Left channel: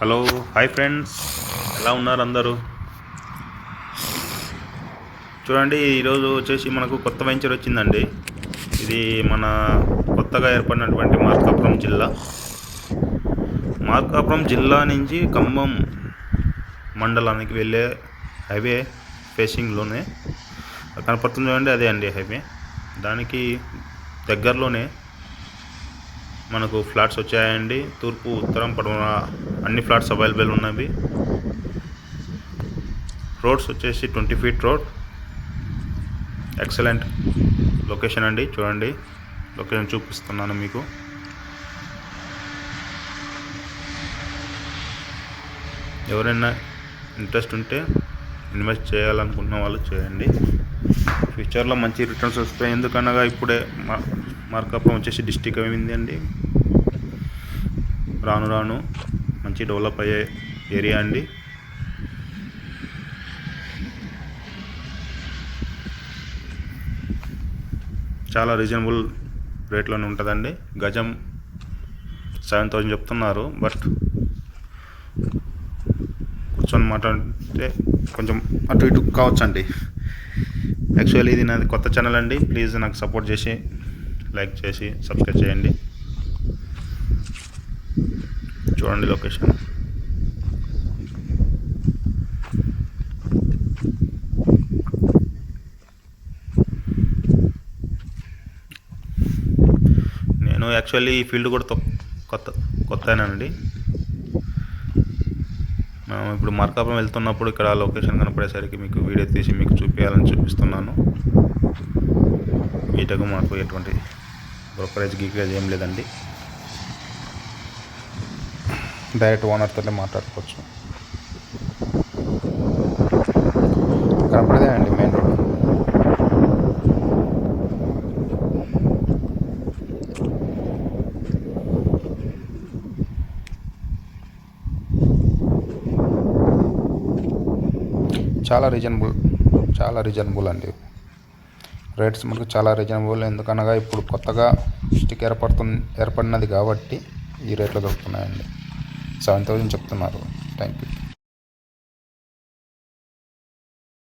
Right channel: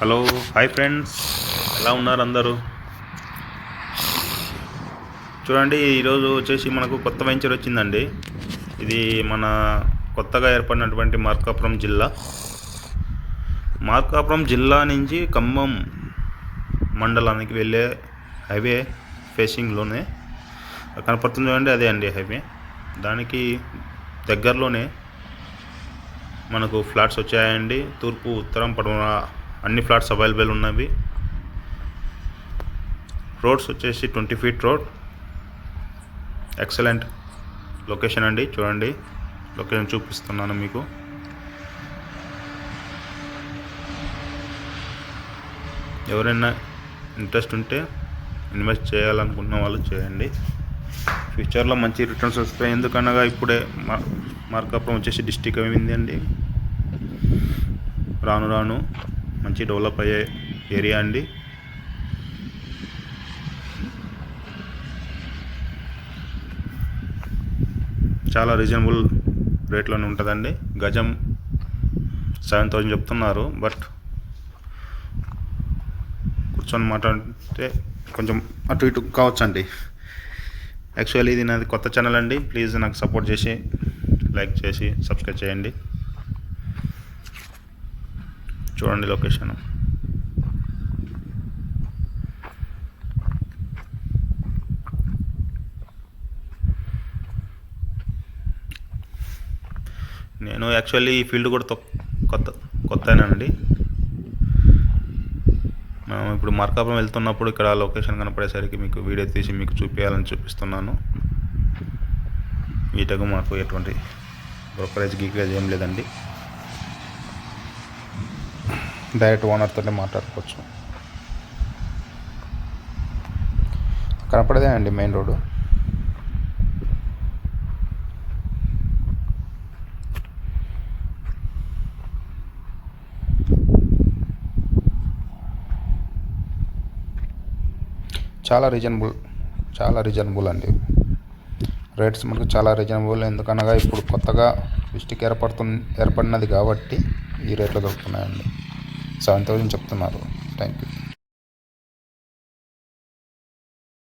Hello hi friends, ఎలా ఉన్నారు అందరూ? చూడండి, ఈరోజు వచ్చేసి మనకు కొత్త వెంచర్ వచ్చిందండి. ఇది మన కొత్తగా ఏర్పడినటువంటి మార్కాపురం జిల్లా నుంచి ఖమ్మం మండలానికి వెళ్ళే హైవే ఫేసింగ్లోనే కనపడుతుంది. చూడండి, అదే అండి హైవే. దానికి దగ్గరలోనే మనకు ఫ్లాట్స్ వచ్చాయండి. తూర్పు, ఉత్తరం, పడమర అన్ని ఫ్లాట్స్ అవైలబుల్ ఉన్నవి. రోడ్స్ వచ్చేసి 20 feet రోడ్. ఎక్సలెంట్ లొకేషన్ అండి. చూడండి, లొకేషన్ చూపిస్తున్నాను మీకు. ఎవరైనా ఇంట్రెస్ట్ ఉంటే ఇన్వెస్ట్ చేయాలనుకున్న వాళ్ళు చేయండి. ఫ్యూచర్లో మంచి రిటర్న్స్ వస్తాయి. ఎందుకనగా ఇప్పుడే మార్కాపురం వచ్చేసి డిస్టిక్ అయింది అండి. రాను రాను మంచి డెవలప్ అయ్యే ఏరియా అండి. చాలా రీజనబుల్ రేట్లోనే ఉంటుందండి. గజం 7,000 చెప్తున్నారు. బట్ కూర్చొని మాట్లాడితే కొంచెం అటు ఇటు కావచ్చండి. యాక్చువల్లీ ఇది నాది కొత్త ఛానల్ అండి. ప్లీజ్ నాకు సపోర్ట్ చేసి లైక్ చేసి సబ్స్క్రైబ్ చేయండి. చూడండి లొకేషన్. నేను యాక్చువల్లీ ఈ ఫీల్డ్ కూడా కొత్తనండి. మనం ఇప్పుడు మార్కాపురం వెళ్తున్నప్పుడు ఇక్కడ లొకేషన్ కనపడేసరికి మీకు వీడియో తీసి మీకు చూపిస్తున్నాను. వీటకు మాకు ఎటువంటి బ్రోకరేజ్ గీకరేజ్ ఏం లేదండి. డైరెక్ట్ ఓనర్తోనే మాట్లాడుకోవచ్చు. కనపడదే అండి మెయిన్ రోడ్. చాలా రీజనబుల్ అండి. రేట్స్ మనకు చాలా రీజనబుల్. ఎందుకనగా ఇప్పుడు కొత్తగా డిస్టిక్ ఏర్పడినది కాబట్టి ఈ రేట్లో దొరుకుతున్నాయండి. 7,000 చెప్తున్నారు. Thank you.